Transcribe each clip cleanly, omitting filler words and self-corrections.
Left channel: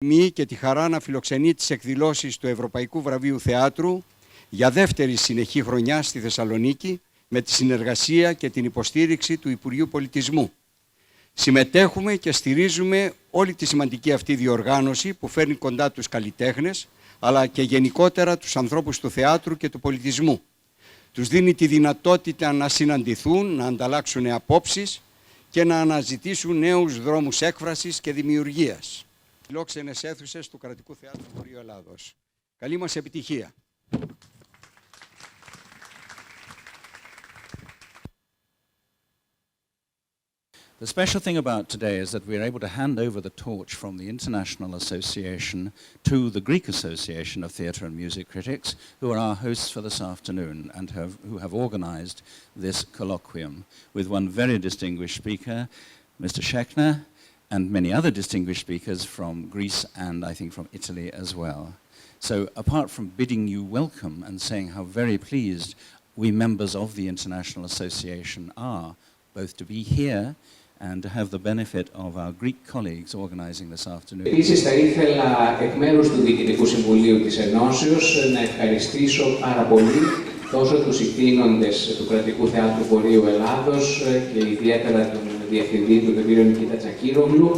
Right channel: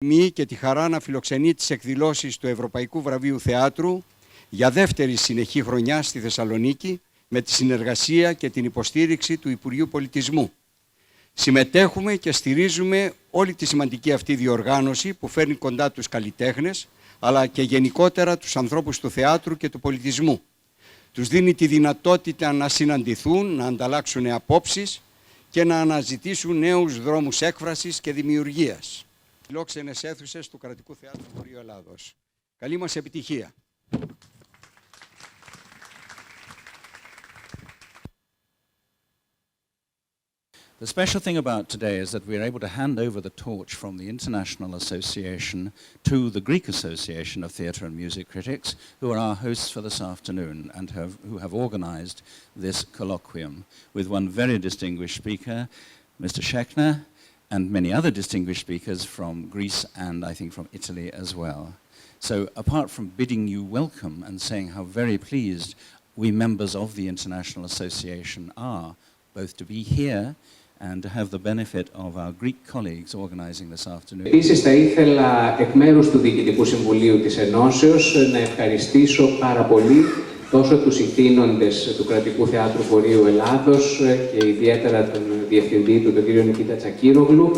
Τιμή και τη χαρά να φιλοξενεί τις εκδηλώσεις του Ευρωπαϊκού Βραβείου Θεάτρου για δεύτερη συνεχή χρονιά στη Θεσσαλονίκη με τη συνεργασία και την υποστήριξη του Υπουργείου Πολιτισμού. Συμμετέχουμε και στηρίζουμε όλη τη σημαντική αυτή διοργάνωση που φέρνει κοντά τους καλλιτέχνες, αλλά και γενικότερα τους ανθρώπους του θεάτρου και του πολιτισμού. Τους δίνει τη δυνατότητα να συναντηθούν, να ανταλλάξουν απόψεις και να αναζητήσουν νέους δρόμους έκφρασης και δημιουργίας. Φιλόξενες αίθουσες του Κρατικού Θεάτρου Βορείου Ελλάδος. Καλή μας επιτυχία! The special thing about today is that we are able to hand over the torch from the International Association to the Greek Association of Theatre and Music Critics, who are our hosts for this afternoon and who have organized this colloquium with one very distinguished speaker, Mr. Schechner, and many other distinguished speakers from Greece and I think from Italy as well. So apart from bidding you welcome and saying how very pleased we members of the International Association are, both to be here and to have the benefit of our Greek colleagues organizing this afternoon. Επίσης, θα ήθελα εκ μέρους του Διοικητικού Συμβουλίου της Ενώσεως να ευχαριστήσω πάρα πολύ τόσο τους ηθήνοντες του Κρατικού Θεάτρου Βορείου Ελλάδος και ιδιαίτερα τον Διευθυντή του, τον κύριο Νικήτα Τσακύρογλου,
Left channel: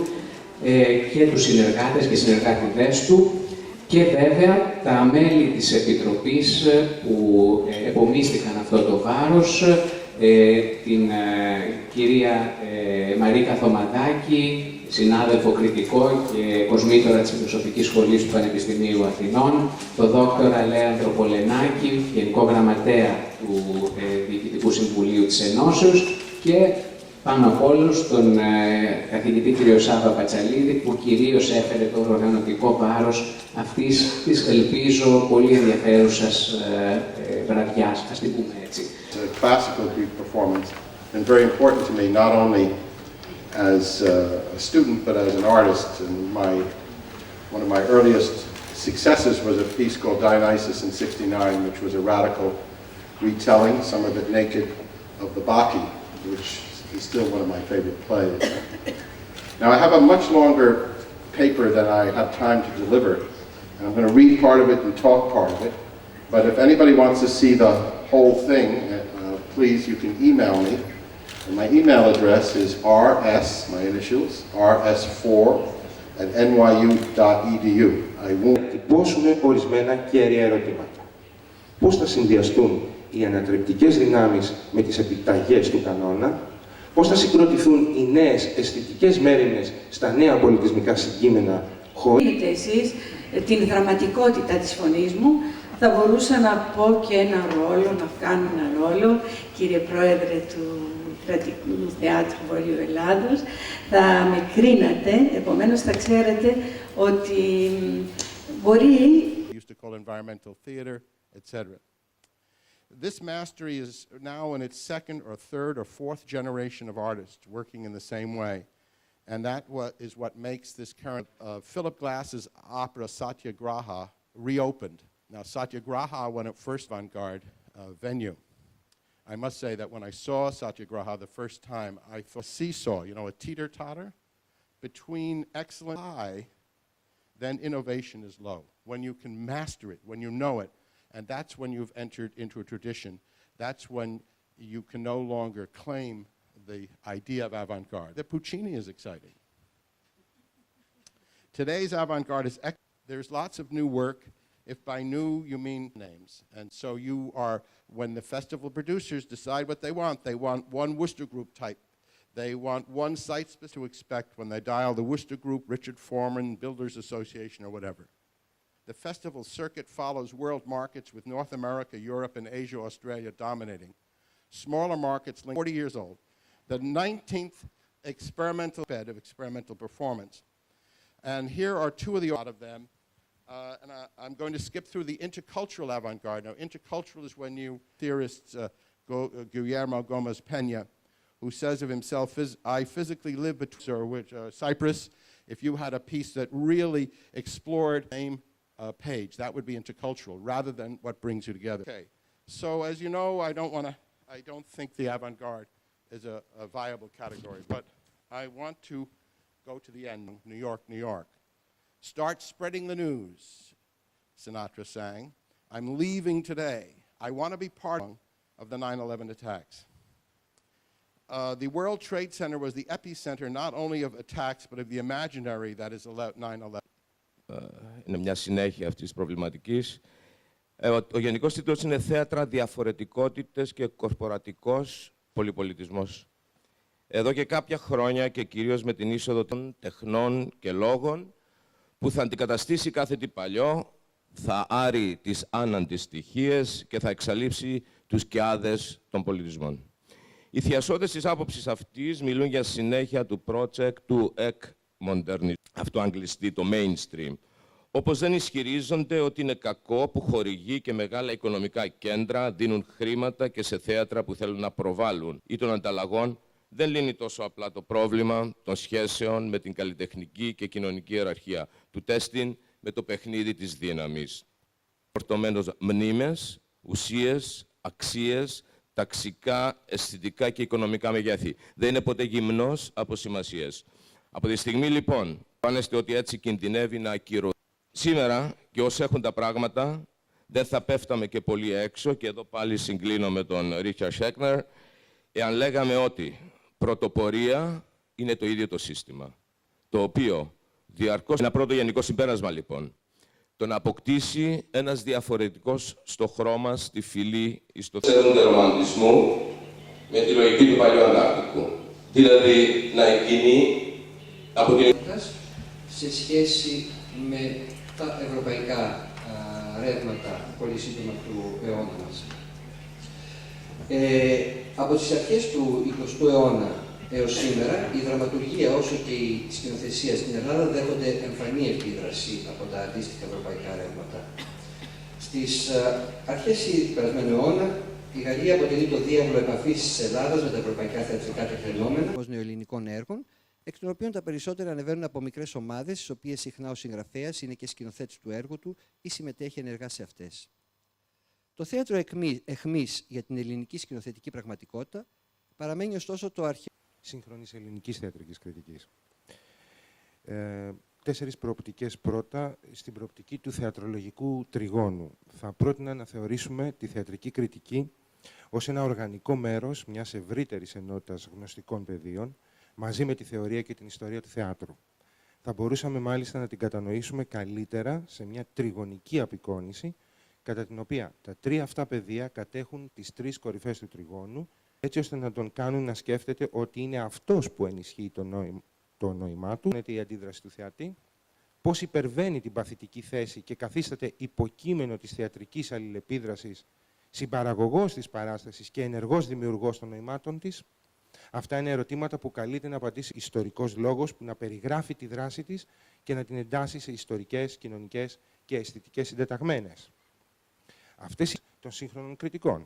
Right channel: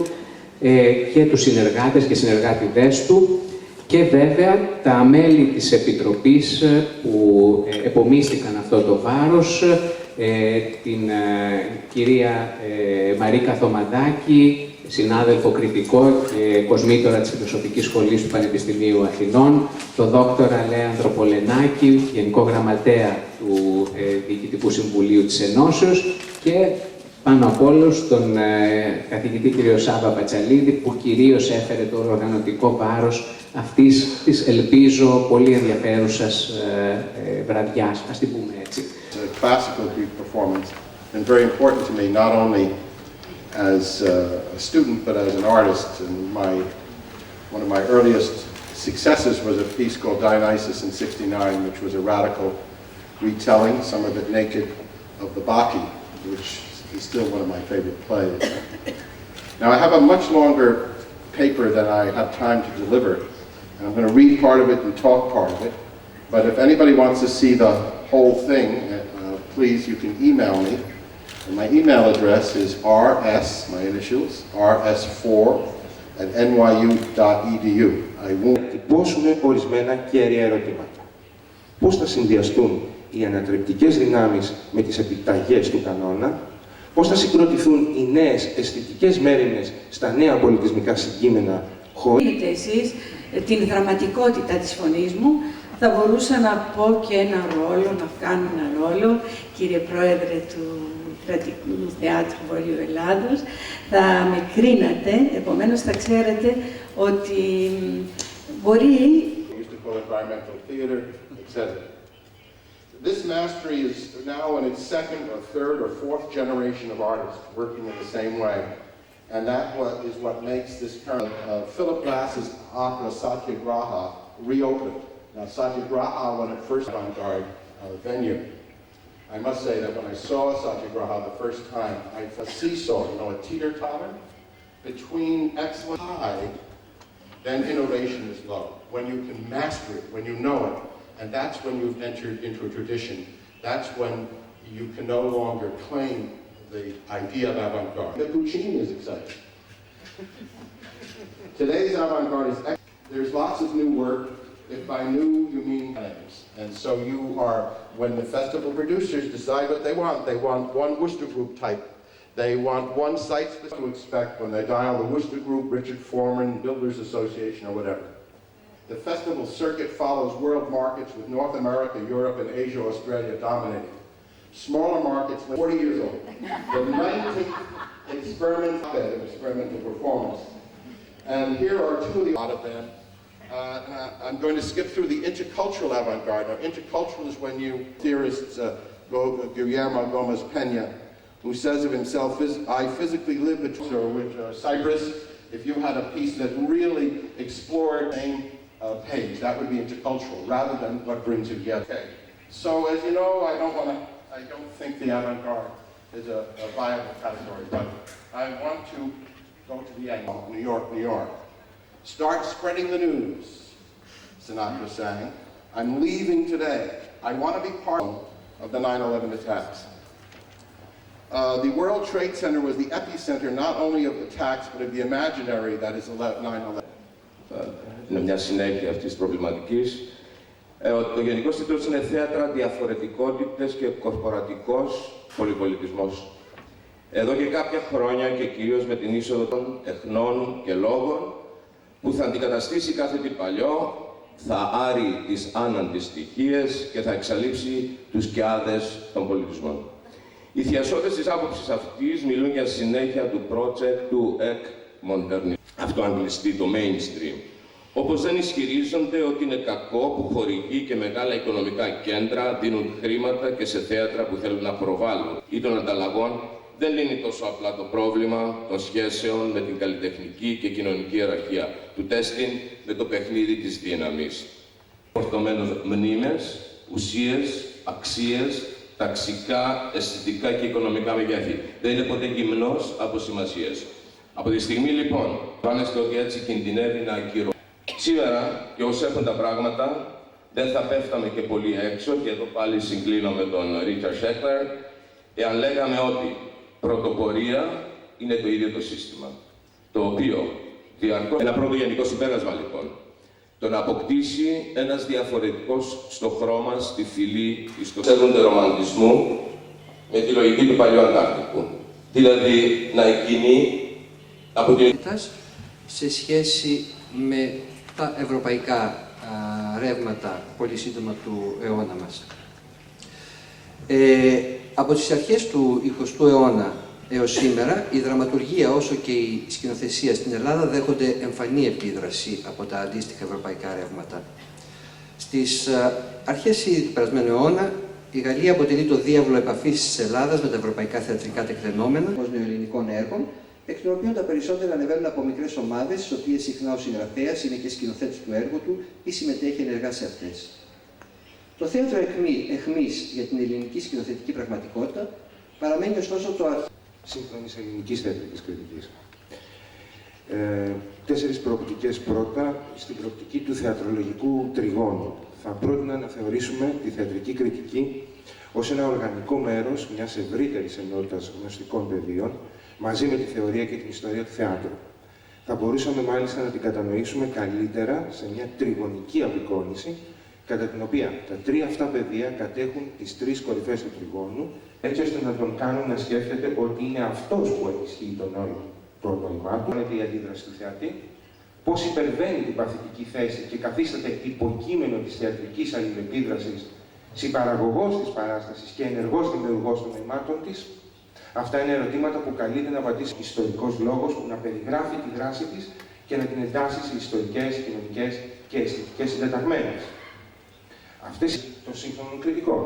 και τους συνεργάτες και συνεργάτηδές του και βέβαια τα μέλη της Επιτροπής που επομίστηκαν αυτό το βάρος, την κυρία Μαρίκα Θωμαδάκη, συνάδελφο κριτικό και κοσμήτωρα της Φιλοσοφικής Σχολής του Πανεπιστημίου Αθηνών, τον δόκτορα Λέανδρο Πολενάκη, Γενικό Γραμματέα του Διοικητικού Συμβουλίου της Ενώσεως και πάνω απ' όλους τον καθηγητή κ. Σάβα Πατσαλίδη, που κυρίως έφερε το οργανωτικό βάρος αυτής της, ελπίζω, πολύ ενδιαφέρουσας βραδιάς, ας την πούμε έτσι. A classical Greek performance, and very important to me, not only as a student, but as an artist. And one of my earliest successes was a piece called Dionysus in '69, which was a radical retelling, some of it naked, of the Bacchae, which is still one of my favorite plays. Now I have a much longer paper than I have time to deliver, and I'm going to read part of it and talk part of it. But if anybody wants to see the whole thing, please, you can email me. And my email address is rs, my initials, rs4@nyu.edu. I won't Τυπώσουμε ορισμένα κέρια ερωτήματα. Πώς θα συνδυαστούν οι ανατρεπτικές δυνάμεις με τις επιταγές του κανόνα, πώς θα συγκροτηθούν οι νέες αισθητικές μέριμνες στα νέα πολιτισμικά συγκείμενα χωρίς εσείς την δραματικότητα της φωνής μου. Θα μπορούσα να πω και ένα ρόλο, να κάνω ένα ρόλο, κύριε Πρόεδρε του Κρατικού Θεάτρου Βορείου Ελλάδος. Θα με κρίνατε, επομένως θα ξέρετε ότι μπορεί... This mastery is now in its second or third or fourth generation of artists working in the same way. And that is what makes this current Philip Glass's opera Satyagraha reopened. Now, Satyagraha, when it first avant-garde venue, I must say that when I saw Satyagraha the first time, I felt a seesaw, you know, a teeter-totter between excellent high, then innovation is low. When you can master it, when you know it, and that's when you've entered into a tradition. That's when you can no longer claim the idea of avant-garde. The Puccini is exciting. Today's avant-garde is excellent. There's lots of new work. If by new, you mean names. And so you are, when the festival producers decide what they want one Worcester Group type. They want one site specific to expect when they dial the Worcester Group, Richard Foreman, Builders Association, or whatever. The festival circuit follows world markets with North America, Europe, and Asia, Australia dominating. Smaller markets, 40 years old. The 19th experimental performance. And here are two of the out of them. I'm going to skip through the intercultural avant-garde. Now, intercultural is when you theorists, Guillermo Gomez Pena, who says of himself, I physically live between Cyprus. If you had a piece that really explored a page, that would be intercultural, rather than what brings you together. Okay. So, as you know, I don't think the avant-garde is a viable category, but I want to go to the end. New York, New York. Start spreading the news, Sinatra sang. I'm leaving today. I want to be part of the 9/11 attacks. The World Trade Center was the epicenter not only of attacks, but of the imaginary that is 9/11. Είναι μια συνέχεια αυτής της προβληματικής. Ο γενικός τίτλος είναι «Θέατρα, διαφορετικότητες και κορπορατικός πολυπολιτισμός». Εδώ και κάποια χρόνια και κυρίως με την είσοδο των τεχνών και λόγων που θα αντικαταστήσει κάθε τι παλιό, θα άρει τις αναντιστοιχίες και θα εξαλείψει τους κοιάδες των πολιτισμών. Οι θειασότες της άποψης αυτής μιλούν για συνέχεια του project του εκ-μοντερνισμού. Αυτό αγγλιστεί το mainstream. Όπως δεν ισχυρίζονται ότι είναι κακό που χορηγοί και μεγάλα οικονομικά κέντρα δίνουν χρήματα και σε θέατρα που θέλουν να προβάλλουν ή των ανταλλαγών, δεν λύνει τόσο απλά το πρόβλημα των σχέσεων με την καλλιτεχνική και κοινωνική ιεραρχία του τέστην με το παιχνίδι της δύναμης. Φορτωμένος μνήμες, ουσίες, αξίες, ταξικά, αισθητικά και οικονομικά μεγέθη. Δεν είναι ποτέ γυμνός από σημασίες. Από τη στιγμή λοιπόν, φάνεστε ότι έτσι κινδυνεύει να ακυρωθεί. Σήμερα, και όσο έχουν τα πράγματα, δεν θα πέφταμε και πολύ έξω, και εδώ πάλι συγκλίνω με τον Ρίτσαρντ Σέκνερ, εάν λέγαμε ότι πρωτοπορία είναι το ίδιο το σύστημα, το οποίο διαρκώς... Ένα πρώτο γενικό συμπέρασμα λοιπόν, το να αποκτήσει ένας διαφορετικός στο χρώμα, στη φυλή, στο ξέρονται ρομαντισμού, με τη λογική του παλιού Αντάρτικου. Δηλαδή, να εκκινεί από την... σε σχέση με τα ευρωπαϊκά ρεύματα πολύ σύντομα του αιώνα μας. Από τις αρχές του 20ου αιώνα έως σήμερα, η δραματουργία όσο και η σκηνοθεσία στην Ελλάδα δέχονται εμφανή επίδραση από τα αντίστοιχα ευρωπαϊκά ρεύματα. Στις αρχές του περασμένου αιώνα, η Γαλλία αποτελεί το διάβλο επαφής της Ελλάδας με τα ευρωπαϊκά θεατρικά τεκτενόμενα ως νεοελληνικών έργων, εκ των οποίων τα περισσότερα ανεβαίνουν από μικρές ομάδες, στις οποίες συχνά ο συγγραφέας είναι και σκηνοθέτης του έργου του ή συμμετέχει ενεργά σε αυτές. Το θέατρο αιχμής για την ελληνική σκηνοθετική πραγματικότητα παραμένει ωστόσο το αρχείο σύγχρονης ελληνικής θεατρικής κριτικής. Τέσσερις προοπτικές πρώτα στην προοπτική του θεατρολογικού τριγώνου. Θα πρότεινα να θεωρήσουμε τη θεατρική κριτική ως ένα οργανικό μέρος μιας ευρύτερης ενότητας γνωστικών πεδίων, μαζί με τη θεωρία και την ιστορία του θεάτρου. Θα μπορούσαμε μάλιστα να την κατανοήσουμε καλύτερα σε μια τριγωνική απεικόνηση, κατά την οποία τα τρία αυτά πεδία κατέχουν τις τρεις κορυφές του τριγώνου, έτσι ώστε να τον κάνουν να σκέφτεται ότι είναι αυτός που ενισχύει το νόημά του, με τη αντίδραση του θεατή, πώς υπερβαίνει την παθητική θέση και καθίσταται υποκείμενο της θεατρικής αλληλεπίδρασης, συμπαραγωγός της παράστασης και ενεργός δημιουργός των νοημάτων της. Αυτά είναι ερωτήματα που καλείται να απαντήσει ο ιστορικός λόγος που να περιγράφει τη δράση της και να την εντάσσει σε ιστορικές, κοινωνικές και αισθητικές συντεταγμένες. Αυτές των σύγχρονων κριτικών.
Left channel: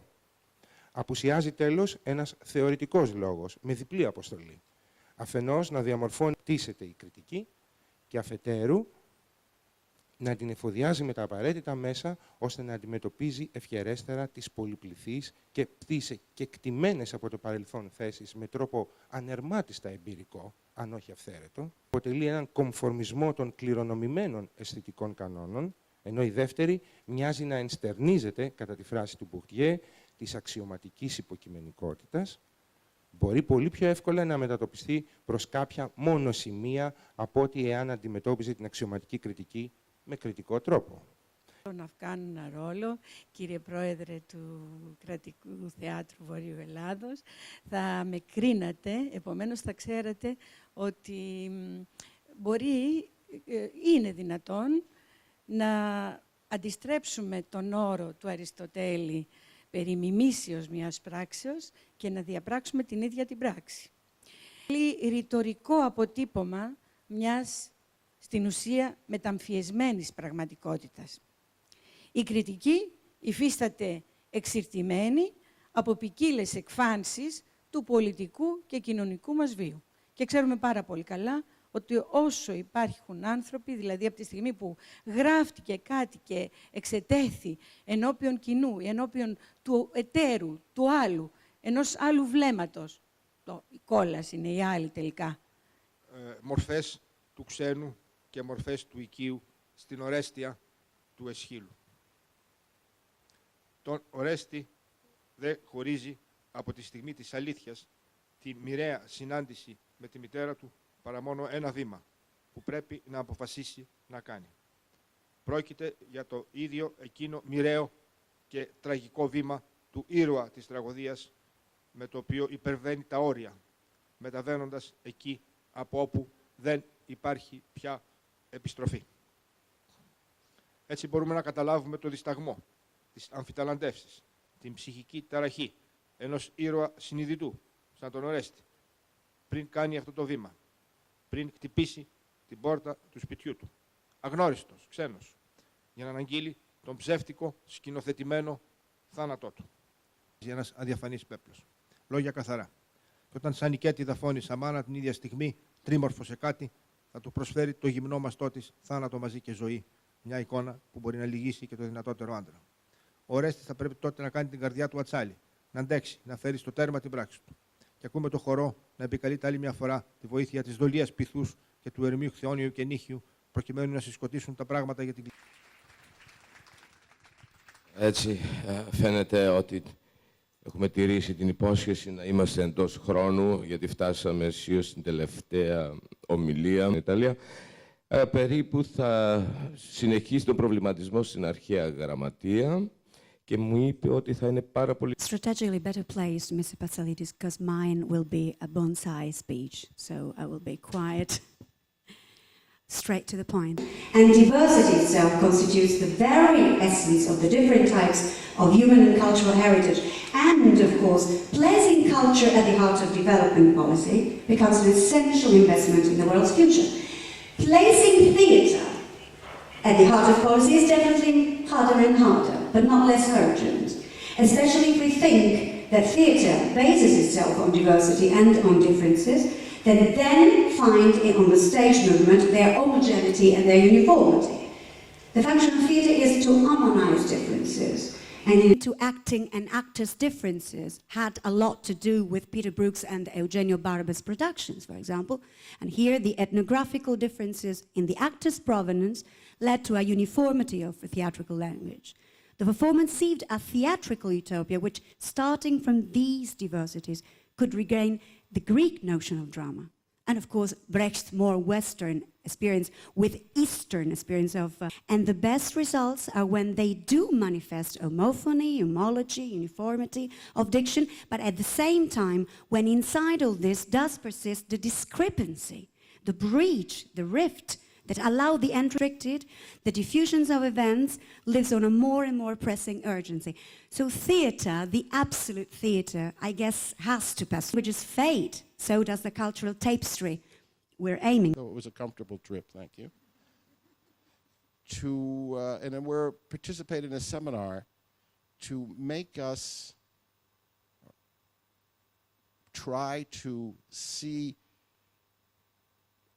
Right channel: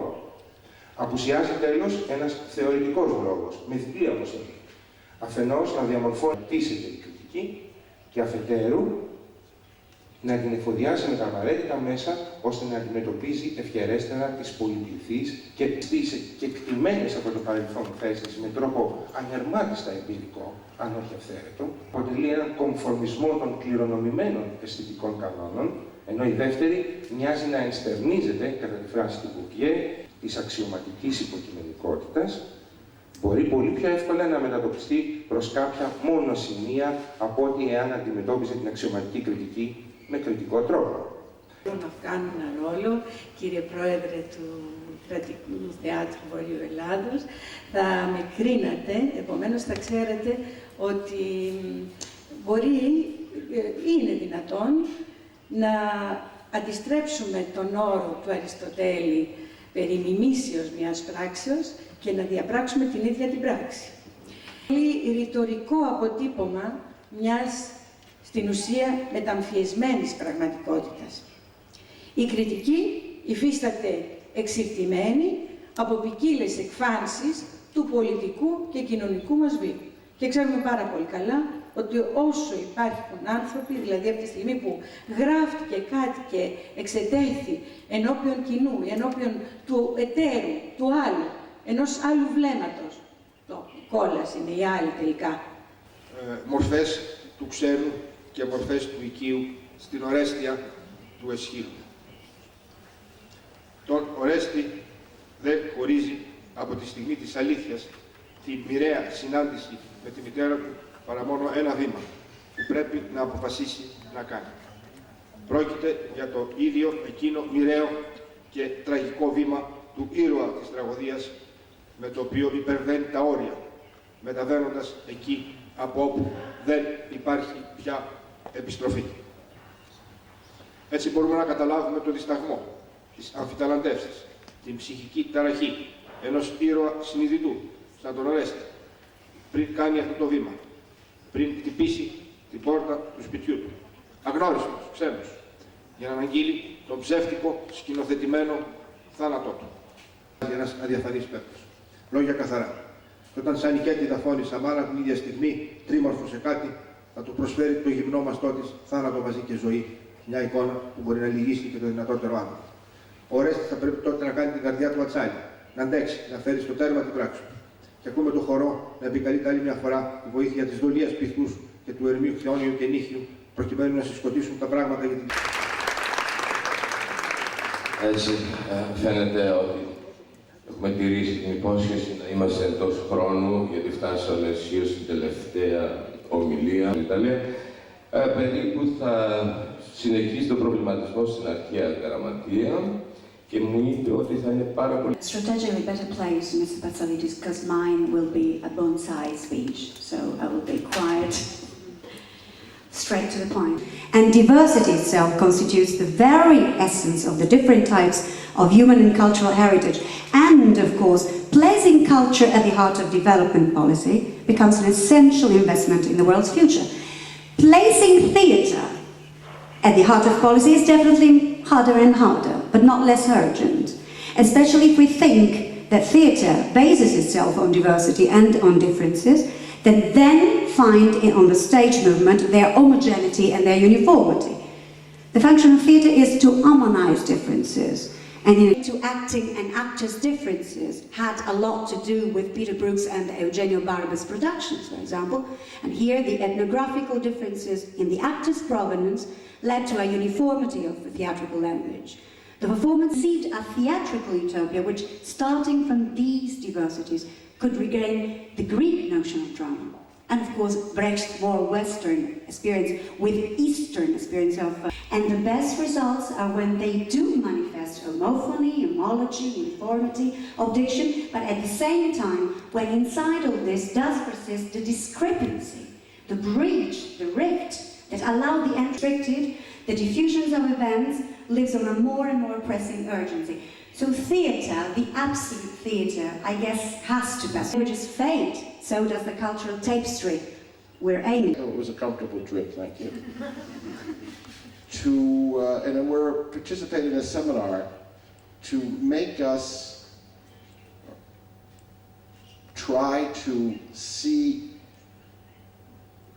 Απουσιάζει τέλος ένας θεωρητικός λόγος, με διπλή αποστολή. Αφενός να διαμορφώνει η κριτική και αφετέρου να την εφοδιάζει με τα απαραίτητα μέσα ώστε να αντιμετωπίζει ευχερέστερα τις πολυπληθείς και τις κεκτημένες από το παρελθόν θέσεις με τρόπο ανερμάτιστα εμπειρικό, αν όχι αυθαίρετο, αποτελεί έναν κομφορμισμό των κληρονομημένων αισθητικών κανόνων, ενώ η δεύτερη μοιάζει να ενστερνίζεται, κατά τη φράση του Bourdieu, της αξιωματικής υποκειμενικότητας, μπορεί πολύ πιο εύκολα να μετατοπιστεί προς κάποια μόνο σημεία από ότι εάν αντιμετώπιζε την αξιωματική κριτική με κριτικό τρόπο. Να κάνουν ένα ρόλο, κύριε Πρόεδρε του Κρατικού Θεάτρου Βορείου Ελλάδος, θα με κρίνατε, επομένως θα ξέρετε ότι είναι δυνατόν να αντιστρέψουμε τον όρο του Αριστοτέλη περί μιμήσεως μιας πράξεως και να διαπράξουμε την ίδια την πράξη. Είναι ρητορικό αποτύπωμα μιας, στην ουσία, μεταμφιεσμένης πραγματικότητας. Η κριτική υφίσταται εξηρτημένη από ποικίλες εκφάνσεις του πολιτικού και κοινωνικού μας βίου. Και ξέρουμε πάρα πολύ καλά ότι όσο υπάρχουν άνθρωποι, δηλαδή από τη στιγμή που γράφτηκε κάτι και εξετέθη ενώπιον κοινού, ενώπιον του εταίρου, του άλλου, ενός άλλου βλέμματος, η κόλαση είναι η άλλη τελικά. Μορφές του ξένου και μορφές του οικείου στην Ορέστια του Εσχύλου. Τον Ορέστη δεν χωρίζει από τη στιγμή της αλήθειας τη μοιραία συνάντηση με τη μητέρα του παρά μόνο ένα βήμα που πρέπει να αποφασίσει να κάνει. Πρόκειται για το ίδιο εκείνο μοιραίο και τραγικό βήμα του ήρωα της τραγωδίας με το οποίο υπερβαίνει τα όρια, μεταβαίνοντας εκεί από όπου δεν υπάρχει πια επιστροφή. Έτσι μπορούμε να καταλάβουμε τον δισταγμό, τις αμφιταλαντεύσεις, την ψυχική ταραχή ενός ήρωα συνειδητού, σαν τον Ορέστη, πριν κάνει αυτό το βήμα, πριν χτυπήσει την πόρτα του σπιτιού του, αγνώριστος, ξένος, για να αναγγείλει τον ψεύτικο, σκηνοθετημένο θάνατό του. Ένας αδιαφανής παίκτης. Λόγια καθαρά. Και όταν σαν οικέτη δαφώνει στα μάνα την ίδια στιγμή, τρίμορφο σε κάτι, θα του προσφέρει το γυμνό μαστό της θάνατο μαζί και ζωή. Μια εικόνα που μπορεί να λυγίσει και το δυνατότερο άμυνα. Ο Ορέστης θα πρέπει τότε να κάνει την καρδιά του ατσάλι, να αντέξει, να φέρει στο τέρμα την πράξη του. Και ακούμε το χορό να επικαλείται άλλη μια φορά τη βοήθεια της δολίας πυθούς και του Ερμίου Χθιόνιου και Νύχιου, προκειμένου να συσκοτήσουν τα πράγματα για την. Έτσι, φαίνεται ότι έχουμε τηρήσει την υπόσχεση να είμαστε εντός χρόνου, γιατί φτάσαμε αισίως στην τελευταία ομιλία στην Ιταλία. Περίπου θα συνεχίσει τον προβληματισμό στην αρχαία γραμματεία και μου είπε ότι θα είναι πάρα πολύ... Strategically better place, Mr. Patsalidis, because mine will be a bonsai speech, so I will be quiet, straight to the point. And diversity itself constitutes the very essence of the different types of human and cultural heritage. And, of course, placing culture at the heart of development policy becomes an essential investment in the world's future. Placing theatre at the heart of policy is definitely harder and harder, but not less urgent. Especially if we think that theatre bases itself on diversity and on differences, then find on the stage movement their homogeneity and their uniformity. The function of theatre is to harmonize differences. And to acting and actors' differences had a lot to do with Peter Brookes and Eugenio Barba's productions, for example. And here the ethnographical differences in the actors' provenance led to a uniformity of the theatrical language. The performance seemed a theatrical utopia which, starting from these diversities, could regain the Greek notion of drama. And of course, Brecht's more Western experience with Eastern experience of... and the best results are when they do manifest homophony, homology, uniformity of diction, but at the same time, when inside of this does persist the discrepancy, the breach, the rift, that allow the unrestricted, the diffusions of events, lives on a more and more pressing urgency. So theatre, the absolute theatre, I guess, has to pass. Which is fate, so does the cultural tapestry we're aiming. It was a comfortable trip, thank you. And we're participating in a seminar to make us try to see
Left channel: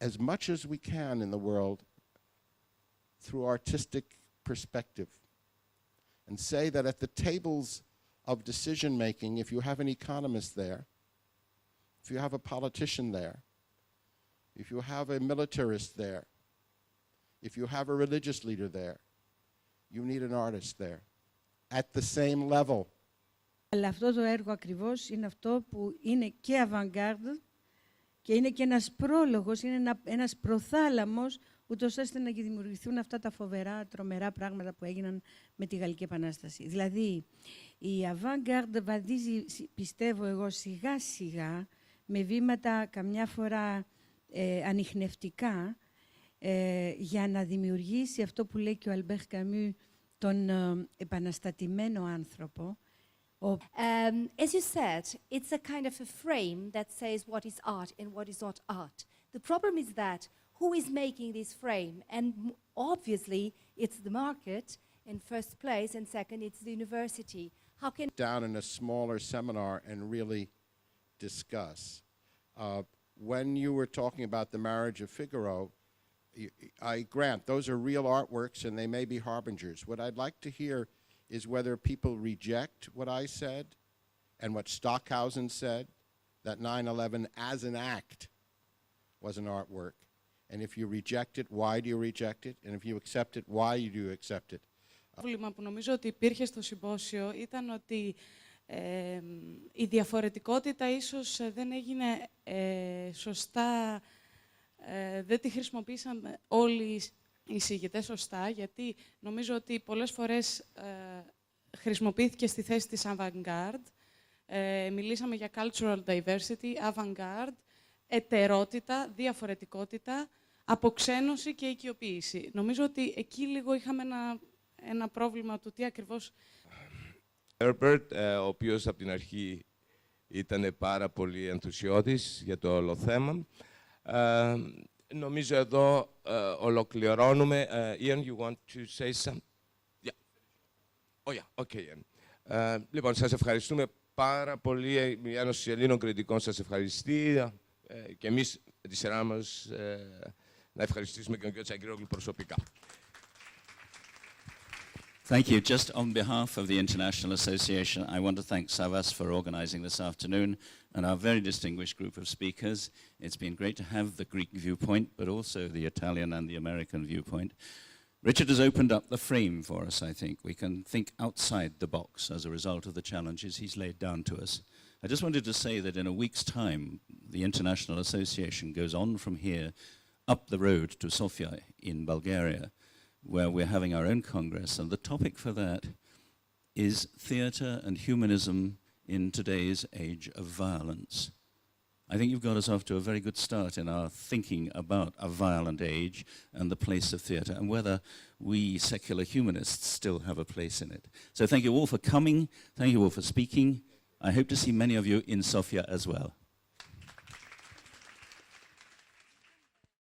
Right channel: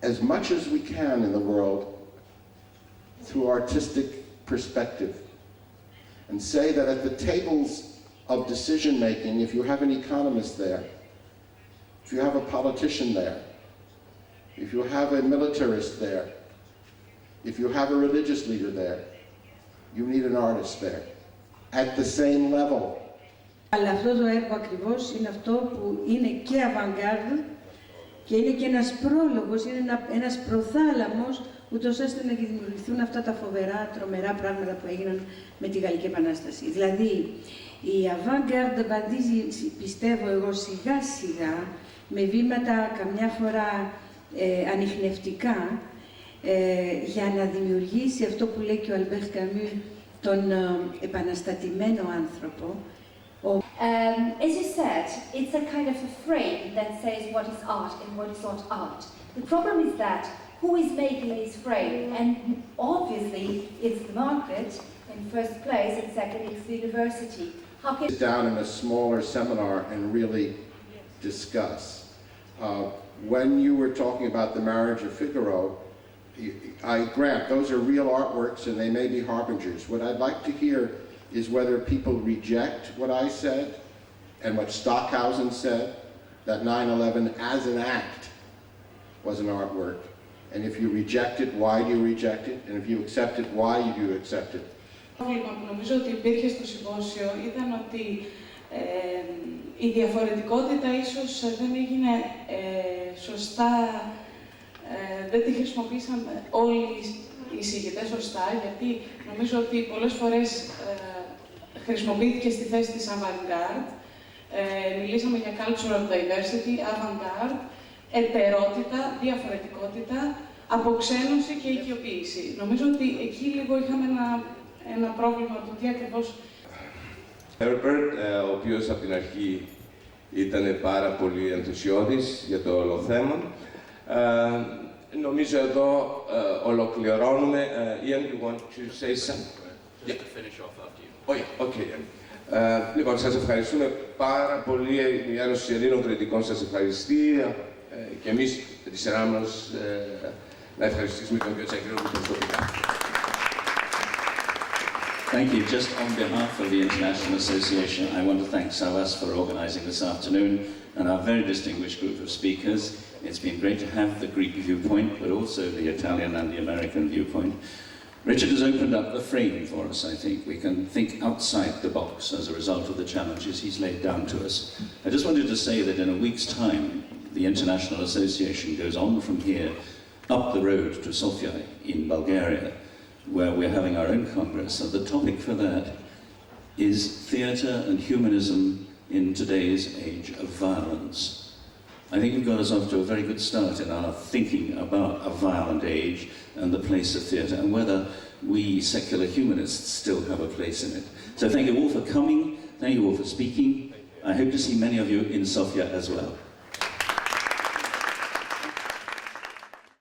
as much as we can in the world through artistic perspective. And say that at the tables of decision-making, if you have an economist there, if you have a politician there, if you have a militarist there, if you have a religious leader there, you need an artist there, at the same level. Αλλά αυτό το έργο ακριβώς είναι αυτό που είναι και avant-garde και είναι και ένας πρόλογος, είναι ένας προθάλαμος, ούτως ώστε να δημιουργηθούν αυτά τα φοβερά, τρομερά πράγματα που έγιναν με τη Γαλλική Επανάσταση. Δηλαδή, η avant-garde βαδίζει, πιστεύω εγώ, σιγά-σιγά, με βήματα καμιά φορά ανιχνευτικά, για να δημιουργήσει αυτό που λέει και ο Αλμπέρ Καμού, τον επαναστατημένο άνθρωπο. As you said, it's a kind of a frame that says what is art and what is not art. The problem is that who is making this frame? And obviously, it's the market in first place, and second, it's the university. How can Sit down in a smaller seminar and really discuss. When you were talking about the Marriage of Figaro, I grant those are real artworks and they may be harbingers. What I'd like to hear is whether people reject what I said and what Stockhausen said, that 9/11 as an act was an artwork, And if you reject it, why do you reject it? And if you accept it, why do you accept it? Το πρόβλημα που νομίζω ότι υπήρχε στο συμπόσιο ήταν ότι η διαφορετικότητα ίσως δεν έγινε σωστά, δεν τη χρησιμοποίησαν όλοι οι εισηγητές σωστά, γιατί νομίζω ότι πολλές φορές χρησιμοποιήθηκε στη θέση της avant-garde. Μιλήσαμε για cultural diversity, avant-garde, ετερότητα, διαφορετικότητα, αποξένωση και οικειοποίηση. Νομίζω ότι εκεί λίγο είχαμε ένα πρόβλημα του τι ακριβώς... Herbert, ο οποίος από την αρχή ήταν πάρα πολύ ενθουσιώδης για το όλο θέμα. Νομίζω εδώ ολοκληρώνουμε. Ian, you want to say something? Yeah. Finish off after you. Oh, yeah. Okay. Λοιπόν, σας ευχαριστούμε πάρα πολύ. Η Ένωση Ελλήνων Κριτικών σας ευχαριστεί. Και εμείς με τη σειρά μας να ευχαριστήσουμε τον κ. Τσακρίνογλου προσωπικά. Thank you. Just on behalf of the International Association, I want to thank Savas for organising this afternoon and our very distinguished group of speakers. It's been great to have the Greek viewpoint, but also the Italian and the American viewpoint. Richard has opened up the frame for us, I think. We can think outside the box as a result of the challenges he's laid down to us. I just wanted to say that in a week's time, the International Association goes on from here up the road to Sofia in Bulgaria, where we're having our own Congress, and the topic for that is theatre and humanism in today's age of violence. I think it got us off to a very good start in our thinking about a violent age and the place of theatre, and whether we secular humanists still have a place in it. So thank you all for coming, thank you all for speaking. I hope to see many of you in Sofia as well.